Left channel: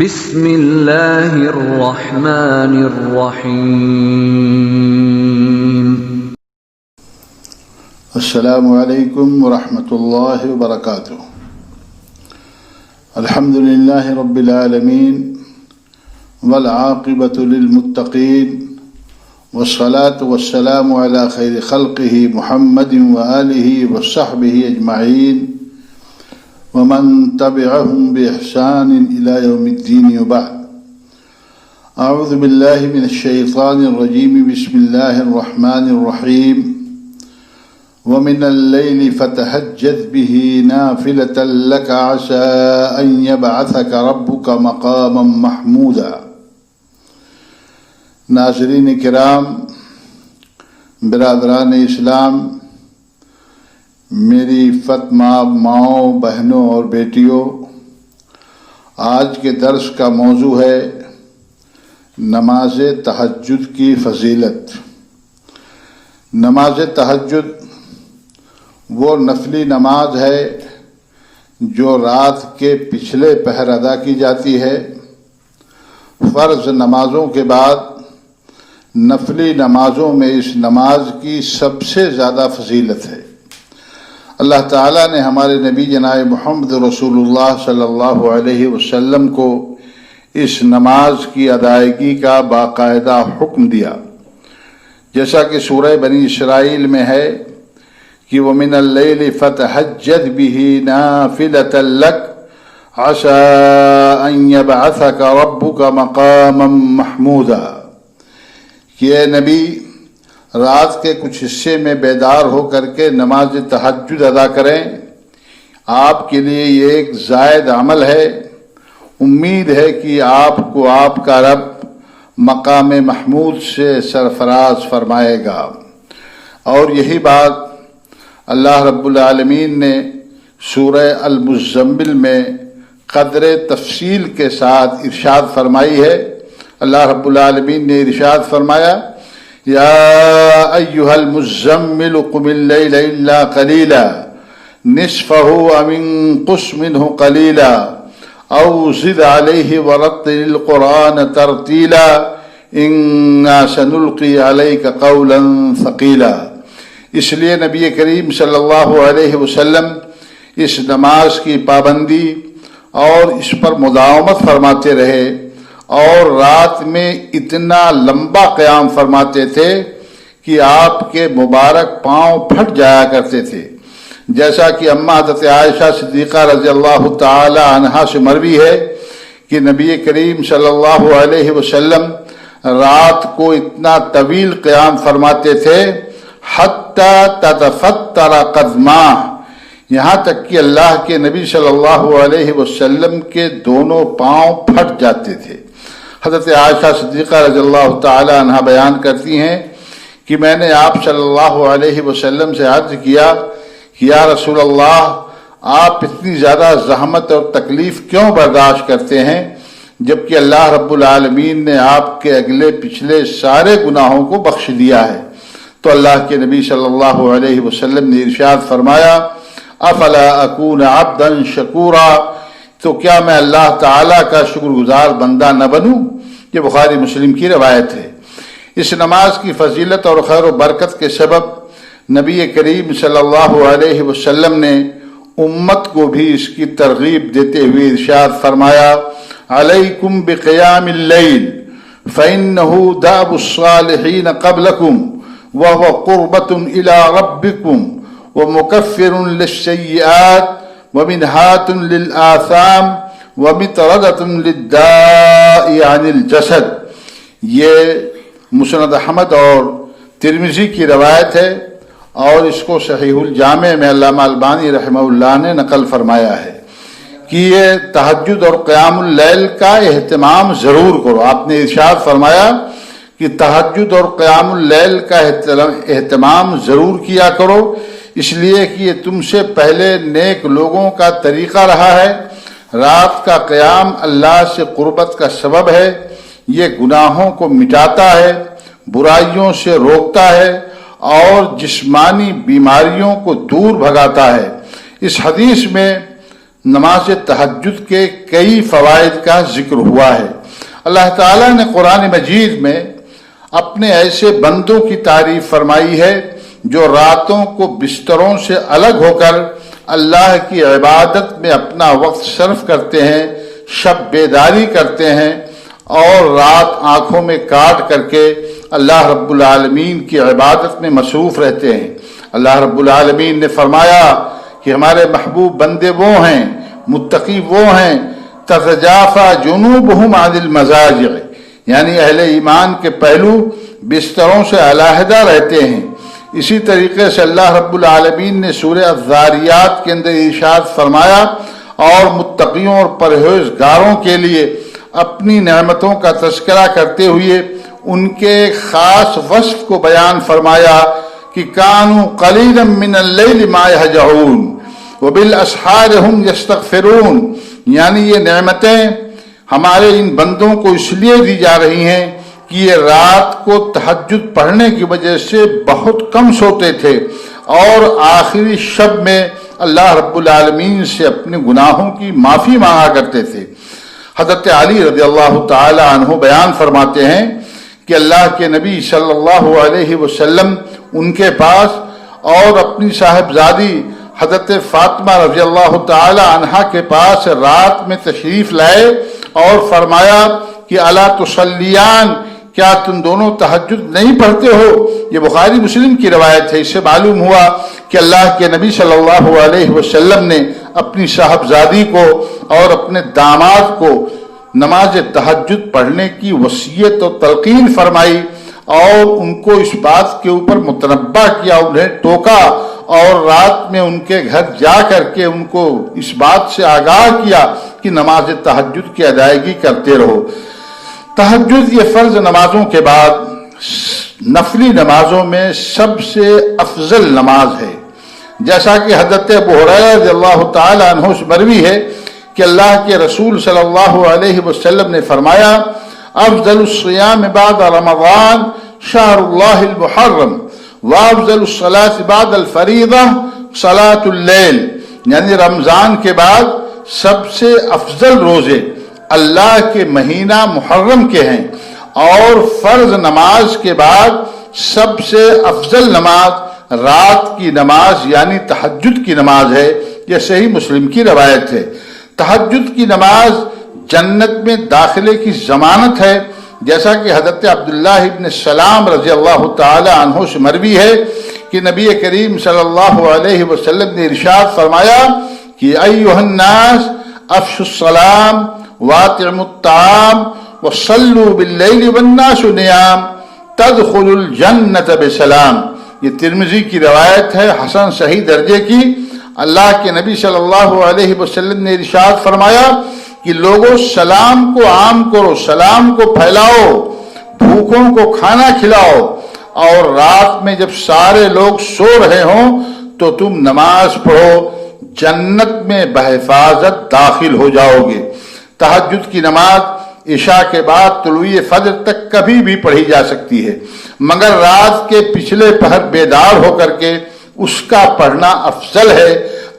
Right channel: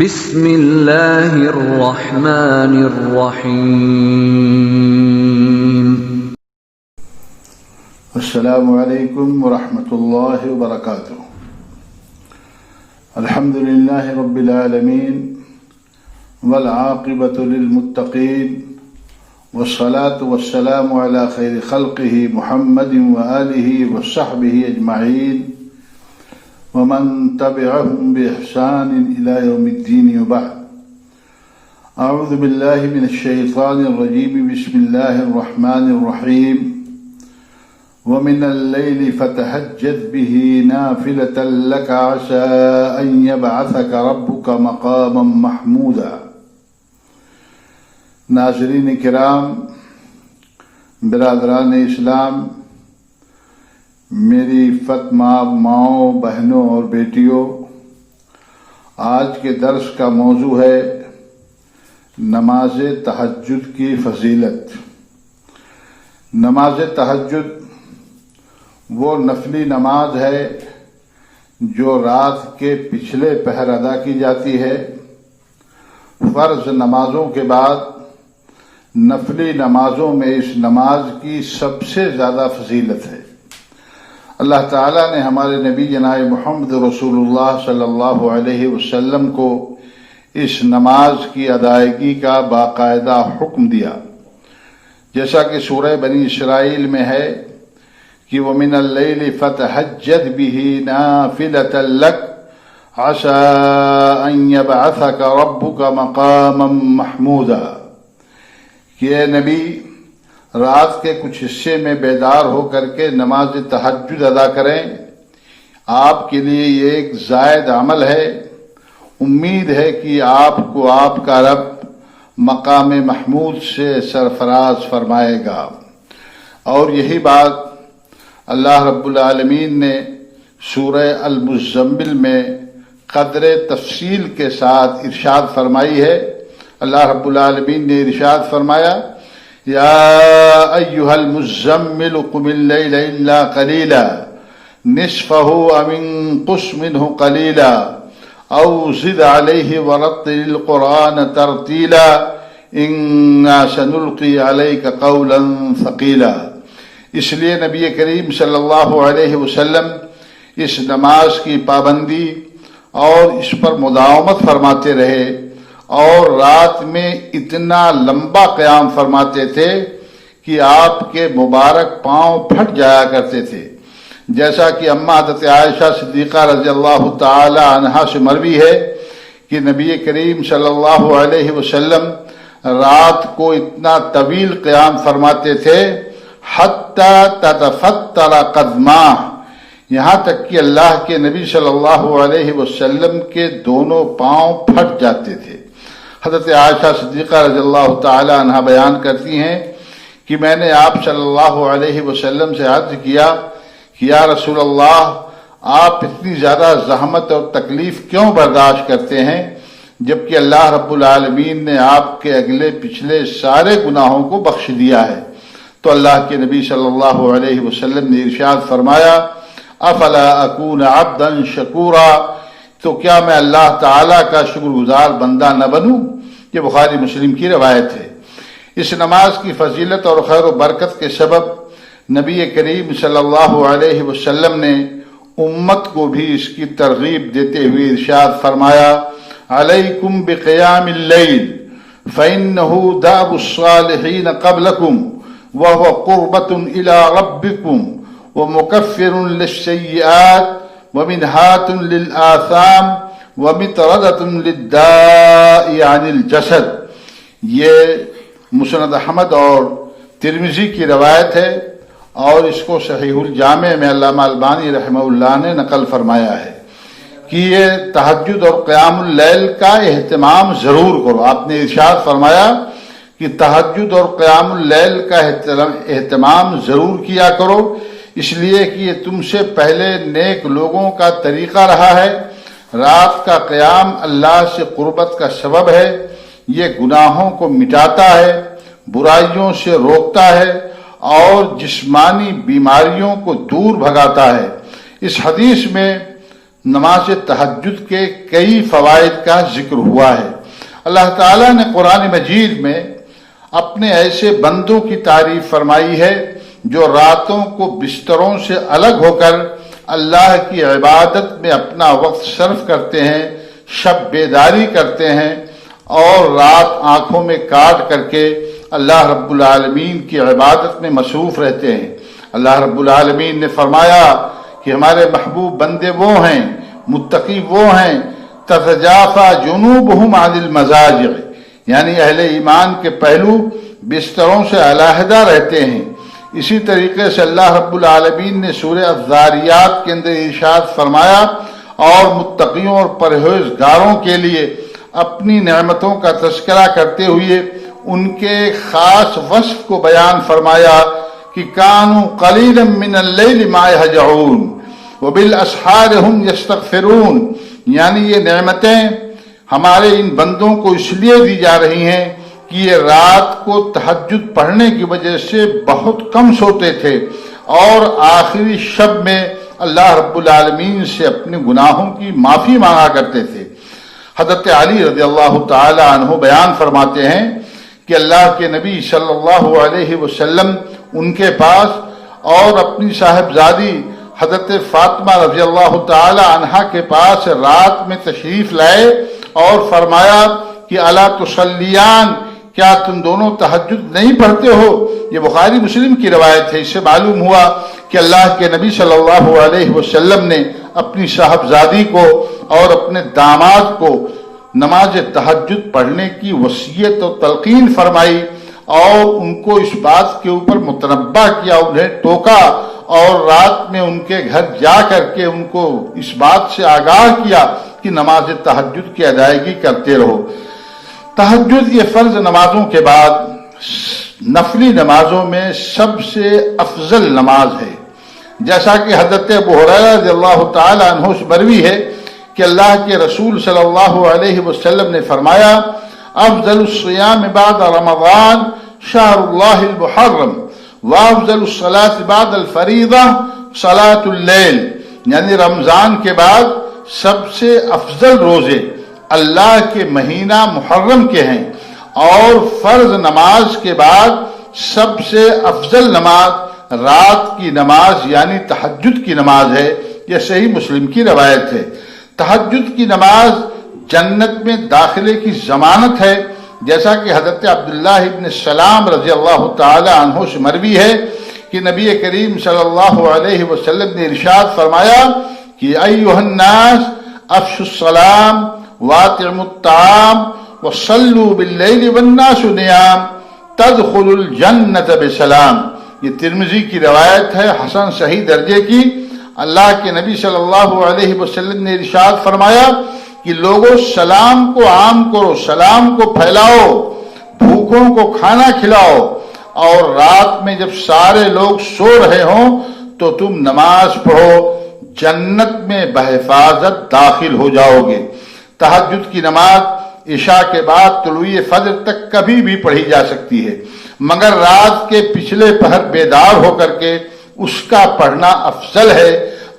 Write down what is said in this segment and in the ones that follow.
بسم اللہ الرحمن الرحیم۔ السلام علیکم ورحمۃ اللہ وبرکاتہ۔ الحمد للہ رب العالمین والعاقبۃ للمتقین والصلاة والسلام علی خیر خلقہ محمد وآلہ وصحبہ اجمعین ومن تبعهم بإحسان إلى يوم الدين وبعد۔ أعوذ بالله من الشيطان الرجيم، بسم الله الرحمن الرحيم۔ ومن الليل فتهجد به نافلة لك عسى أن يبعثك ربك مقاما محمودا۔ ناظرین کرام، برادران اسلام، میری فاطمہ ماؤں، بہنوں اور بیٹیوں، آج کے درس کا موضوع ہے نماز تہجد کی فضیلت۔ نماز تہجد وہ نفلی نماز ہے جو رات کے پچھلے پہر ادا کی جاتی ہے۔ فرض نمازوں کے بعد نفلی نمازوں میں اس نماز کی سب سے زیادہ فضیلت ہے۔ اللہ تعالیٰ نے ہمارے نبی جناب محمد رسول اللہ صلی اللہ علیہ وسلم کو اس نماز کی ادائیگی کا باقاعدہ حکم دیا، جیسا کہ سورہ بنی اسرائیل میں ہے کہ وَمِنَ اللَّيْلِ فَتَهَجَّدْ بِهِ نَافِلَةً لَكَ عَسَىٰ أَن يَبْعَثَكَ رَبُّكَ مَقَامًا مَحْمُودًا، کہ اے نبی رات کے کچھ حصے میں بیدار ہو کر کے نماز تہجد ادا کریں۔ آپ کے لیے یہ ایک زائد عمل ہے۔ امید ہے کہ آپ کو آپ کا رب مقام محمود سے سرفراز فرمائے گا۔ اور یہی بات اللہ رب العالمین نے سورہ المزمل میں قدر تفصیل کے ساتھ ارشاد فرمائی ہے۔ اللہ رب العالمین نے ارشاد فرمایا، یا ایہا المزمل قم اللیل الا قلیلا نصفہ او انقص منہ قلیلا او زد علیہ ورتل القرآن ترتیلا انا سنلقی علیک قولا ثقیلا۔ اس لیے نبی کریم صلی اللہ علیہ وسلم اس نماز کی پابندی اور اس پر مداومت فرماتے رہے، اور رات میں اتنا لمبا قیام فرماتے تھے کہ آپ کے مبارک پاؤں پھٹ جایا کرتے تھے، جیسا کہ اماں حضرت عائشہ صدیقہ رضی اللہ تعالی عنہا سے مروی ہے کہ نبی کریم صلی اللہ علیہ وسلم رات کو اتنا طویل قیام فرماتے تھے حتی تتفتر قدماہ، یہاں تک کہ اللہ کے نبی صلی اللہ علیہ وسلم کے دونوں پاؤں پھٹ جاتے تھے۔ حضرت عائشہ صدیقہ رضی اللہ تعالی عنہ بیان کرتی ہیں کہ میں نے آپ صلی اللہ علیہ وسلم سے عرض کیا کہ یا رسول اللہ، آپ اتنی زیادہ زحمت اور تکلیف کیوں برداشت کرتے ہیں جبکہ اللہ رب العالمین نے آپ کے اگلے پچھلے سارے گناہوں کو بخش دیا ہے؟ تو اللہ کے نبی صلی اللہ علیہ وسلم نے ارشاد فرمایا، افلا اکون عبدا شکورا، تو کیا میں اللہ تعالیٰ کا شکر گزار بندہ نہ بنوں؟ یہ بخاری مسلم کی روایت ہے۔ اس نماز کی فضیلت اور خیر و برکت کے سبب نبی کریم صلی اللہ علیہ وسلم نے امت کو بھی اس کی ترغیب دیتے ہوئے ارشاد فرمایا، علیکم بقیام اللیل فإنہ دأب الصالحین قبلکم وهو قربۃ الی ربکم ومکفر للسیئات ومنہات للآثام ومطردۃ للداء عن الجسد۔ یہ مسند احمد اور ترمذی کی روایت ہے، اور اس کو صحیح الجامع میں علامہ البانی رحمہ اللہ نے نقل فرمایا ہے کہ یہ تہجد اور قیام اللیل کا اہتمام ضرور کرو۔ آپ نے ارشاد فرمایا کہ تہجد اور قیام اللیل کا اہتمام ضرور کیا کرو، اس لیے کہ یہ تم سے پہلے نیک لوگوں کا طریقہ رہا ہے۔ رات کا قیام اللہ سے قربت کا سبب ہے، یہ گناہوں کو مٹاتا ہے، برائیوں سے روکتا ہے اور جسمانی بیماریوں کو دور بھگاتا ہے۔ اس حدیث میں نماز تہجد کے کئی فوائد کا ذکر ہوا ہے۔ اللہ تعالیٰ نے قرآن مجید میں اپنے ایسے بندوں کی تعریف فرمائی ہے جو راتوں کو بستروں سے الگ ہو کر اللہ کی عبادت میں اپنا وقت صرف کرتے ہیں، شب بیداری کرتے ہیں اور رات آنکھوں میں کاٹ کر کے اللہ رب العالمین کی عبادت میں مصروف رہتے ہیں۔ اللہ رب العالمین نے فرمایا کہ ہمارے محبوب بندے وہ ہیں، متقی وہ ہیں، تتجافی جنوبہم عن المضاجع، یعنی اہل ایمان کے پہلو بستروں سے علیحدہ رہتے ہیں۔ اسی طریقے سے اللہ رب العالمین نے سورہ الذاریات کے اندر ارشاد فرمایا اور متقیوں اور پرہیزگاروں کے لیے اپنی نعمتوں کا تذکرہ کرتے ہوئے ان کے خاص وصف کو بیان فرمایا کہ کانوا قلیلا من اللیل ما یہجعون وبالاسحار ہم یستغفرون، یعنی یہ نعمتیں ہمارے ان بندوں کو اس لیے دی جا رہی ہیں کہ یہ رات کو تہجد پڑھنے کی وجہ سے بہت کم سوتے تھے اور آخری شب میں اللہ رب العالمین سے اپنے گناہوں کی معافی مانگا کرتے تھے۔ حضرت علی رضی اللہ تعالی عنہ بیان فرماتے ہیں کہ اللہ کے نبی صلی اللہ علیہ وسلم ان کے پاس اور اپنی صاحبزادی حضرت فاطمہ رضی اللہ تعالی عنہا کے پاس رات میں تشریف لائے اور فرمایا کہ الا تصلیان، کیا تم دونوں تہجد نہیں پڑھتے ہو؟ یہ بخاری مسلم کی روایت ہے۔ اس سے معلوم ہوا کہ اللہ کے نبی صلی اللہ علیہ وسلم نے اپنی صاحبزادی کو اور اپنے داماد کو نماز تہجد پڑھنے کی وصیت و تلقین فرمائی اور ان کو اس بات کے اوپر متنبہ کیا، انہیں ٹوکا اور رات میں ان کے گھر جا کر کے ان کو اس بات سے آگاہ کیا کہ نماز تہجد کی ادائیگی کرتے رہو۔ تہجد یہ فرض نمازوں کے بعد نفلی نمازوں میں سب سے افضل نماز ہے، جیسا کہ حضرت ابو ہریرہ رضی اللہ تعالی عنہ سے مروی ہے کہ اللہ کے رسول صلی اللہ علیہ وسلم نے فرمایا افضل الصیام بعد رمضان شہر اللہ المحرم وافضل الصلاة بعد الفریضہ صلاة اللیل، یعنی رمضان کے بعد سب سے افضل روزے اللہ کے مہینہ محرم کے ہیں اور فرض نماز کے بعد سب سے افضل نماز رات کی نماز یعنی تہجد کی نماز ہے۔ یہ صحیح مسلم کی روایت ہے۔ تہجد کی نماز جنت میں داخلے کی ضمانت ہے، جیسا کہ حضرت عبداللہ ابن سلام رضی اللہ تعالی عنہ سے مروی ہے کہ نبی کریم صلی اللہ علیہ وسلم نے ارشاد فرمایا کہ ایھا الناس افشوا السلام واطعموا الطعام وصلوا باللیل والناس نیام تدخلوا الجنۃ بسلام۔ یہ ترمذی کی روایت ہے، حسن صحیح درجے کی۔ اللہ کے نبی صلی اللہ علیہ وسلم نے ارشاد فرمایا کہ لوگوں سلام کو عام کرو، سلام کو پھیلاؤ، بھوکوں کو کھانا کھلاؤ اور رات میں جب سارے لوگ سو رہے ہوں تو تم نماز پڑھو، جنت میں بحفاظت داخل ہو جاؤ گے۔ تہجد کی نماز عشاء کے بعد طلوع فجر تک کبھی بھی پڑھی جا سکتی ہے، مگر رات کے پچھلے پہر بیدار ہو کر کے اس کا پڑھنا افضل ہے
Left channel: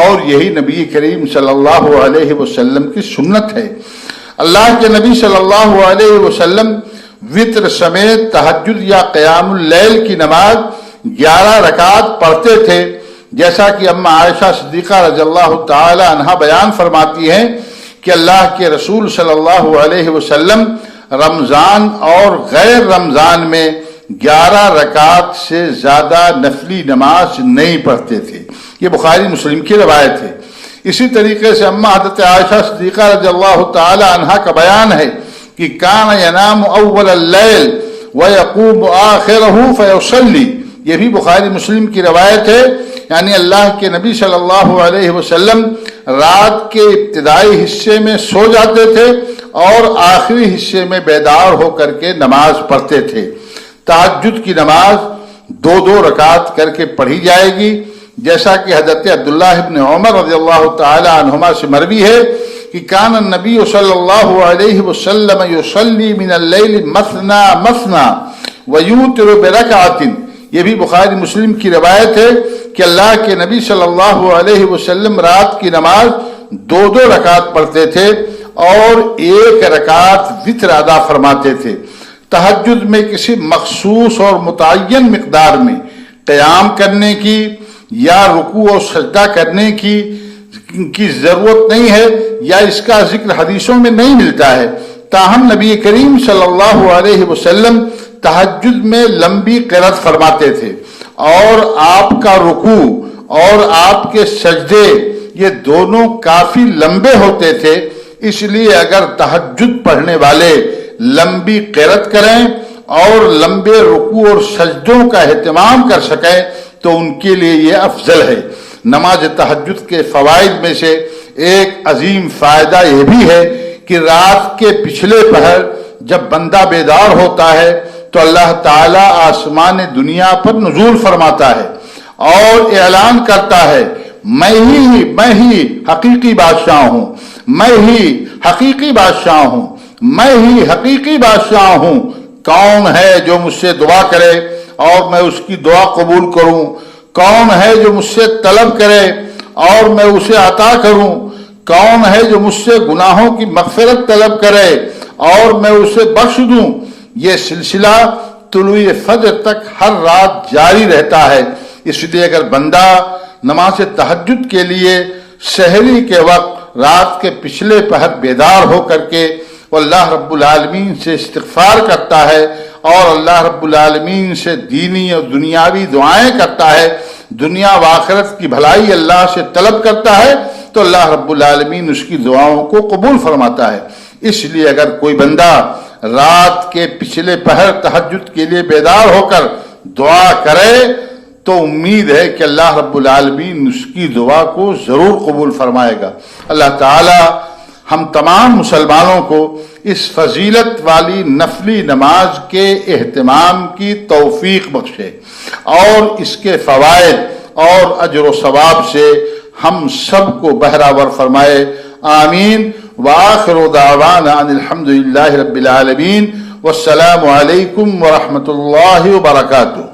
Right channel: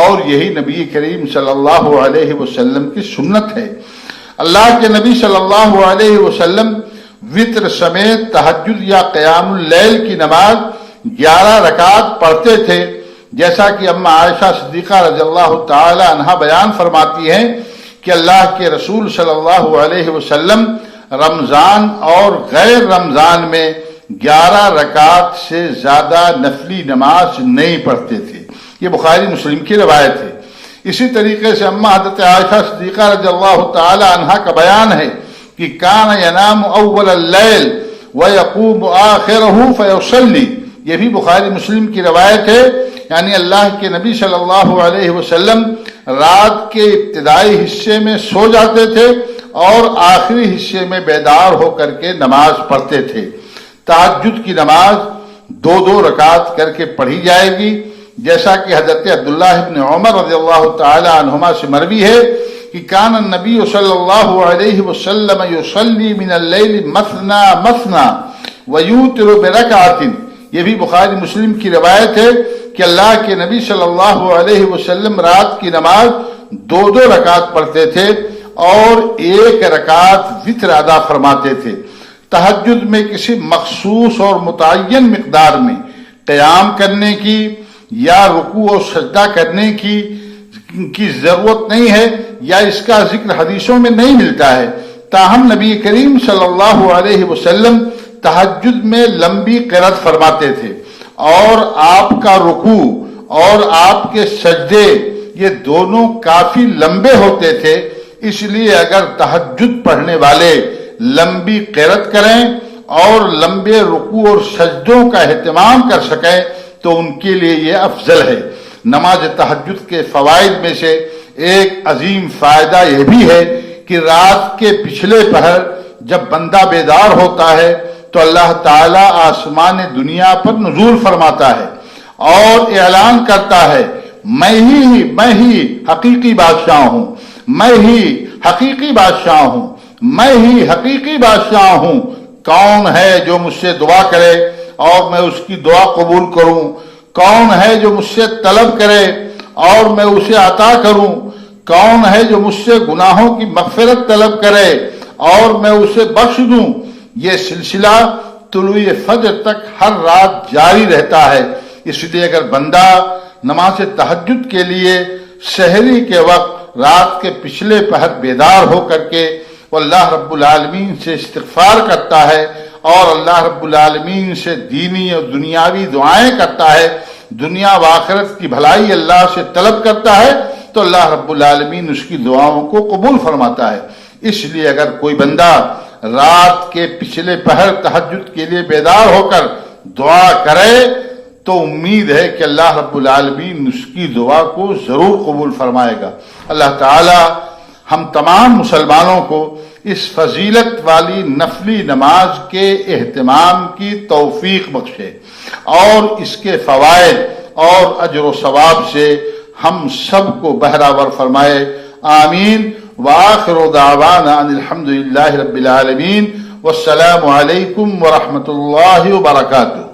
اور یہی نبی کریم صلی اللہ علیہ وسلم کی سنت ہے۔ اللہ کے نبی صلی اللہ علیہ وسلم وتر سمیت تہجد یا قیام اللیل کی نماز 11 رکعت پڑھتے تھے، جیسا کہ اما عائشہ صدیقہ رضی اللہ تعالی عنہا بیان فرماتی ہیں کہ اللہ کے رسول صلی اللہ علیہ وسلم رمضان اور غیر رمضان میں 11 رکعت سے زیادہ نفلی نماز نہیں پڑھتے تھے۔ یہ بخاری مسلم کی روایت ہے۔ اسی طریقے سے اما حضرت عائشہ صدیقہ رضی اللہ تعالی عنہا کا بیان ہے کہ کان ینام اول اللیل ویقوم آخرہ فیصلی، یہ بھی بخاری مسلم کی روایت ہے، یعنی اللہ کے نبی صلی اللہ علیہ وسلم رات کے ابتدائی حصے میں سو جاتے تھے اور آخری حصے میں بیدار ہو کر کے نماز پڑھتے تھے۔ تہجد کی نماز 2 رکعت کر کے پڑھی جائے گی، جیسا کہ حضرت عبداللہ ابن عمر رضی اللہ تعالی عنہما سے مروی ہے کہ کان النبی صلی اللہ علیہ وسلم یصلی من اللیل مثنا مثنا ویوتر برکعۃ، یہ بھی بخاری مسلم کی روایت ہے کہ اللہ کے نبی صلی اللہ علیہ وسلم رات کی نماز دو رکعت پڑھتے تھے اور 1 رکعت وتر ادا فرماتے تھے۔ تہجد میں کسی مخصوص اور متعین مقدار میں قیام کرنے کی یا رکوع و سجدہ کرنے کی ضرورت نہیں ہے یا اس کا ذکر حدیثوں میں نہیں ملتا ہے، تاہم نبی کریم صلی اللہ علیہ وسلم تہجد میں لمبی قرات فرماتے تھے اور آپ کا رکوع اور آپ کے سجدے یہ دونوں کافی لمبے ہوتے تھے۔ اس لیے اگر تہجد پڑھنے والے لمبی قرات کریں اور لمبے رکوع اور سجدوں کا اہتمام کر سکیں تو ان کے لیے یہ افضل ہے۔ نماز تہجد کے فوائد میں سے ایک عظیم فائدہ یہ بھی ہے کہ رات کے پچھلے پہر جب بندہ بیدار ہوتا ہے تو اللہ تعالیٰ آسمان دنیا پر نزول فرماتا ہے اور اعلان کرتا ہے میں ہی حقیقی بادشاہ ہوں، میں ہی حقیقی بادشاہ ہوں، میں ہی حقیقی بادشاہ ہوں۔ کون ہے جو مجھ سے دعا کرے اور میں اس کی دعا قبول کروں؟ کون ہے جو مجھ سے طلب کرے اور میں اسے عطا کروں؟ کون ہے جو مجھ سے گناہوں کی مغفرت طلب کرے اور میں اسے بخش دوں؟ یہ سلسلہ طلوع فجر تک ہر رات جاری رہتا ہے۔ اس لیے اگر بندہ نماز تہجد کے لیے سحری کے وقت رات کے پچھلے پہر بیدار ہو کر کے اللہ رب العالمین سے استغفار کرتا ہے اور اللہ رب العالمین سے دینی اور دنیاوی دعائیں کرتا ہے، دنیا و آخرت کی بھلائی اللہ سے طلب کرتا ہے تو اللہ رب العالمین اس کی دعاؤں کو قبول فرماتا ہے۔ اس لیے اگر کوئی بندہ رات کے پچھلے پہر تہجد کے لیے بیدار ہو کر دعا کرے تو امید ہے کہ اللہ رب العالمین اس کی دعا کو ضرور قبول فرمائے گا۔ اللہ تعالی ہم تمام مسلمانوں کو اس فضیلت والی نفلی نماز کے اہتمام کی توفیق بخشے اور اس کے فوائد اور اجر و ثواب سے ہم سب کو بہرہور فرمائے، آمین۔ وآخر دعوانا ان الحمد للہ رب العالمین، والسلام علیکم ورحمۃ اللہ وبرکاتہ۔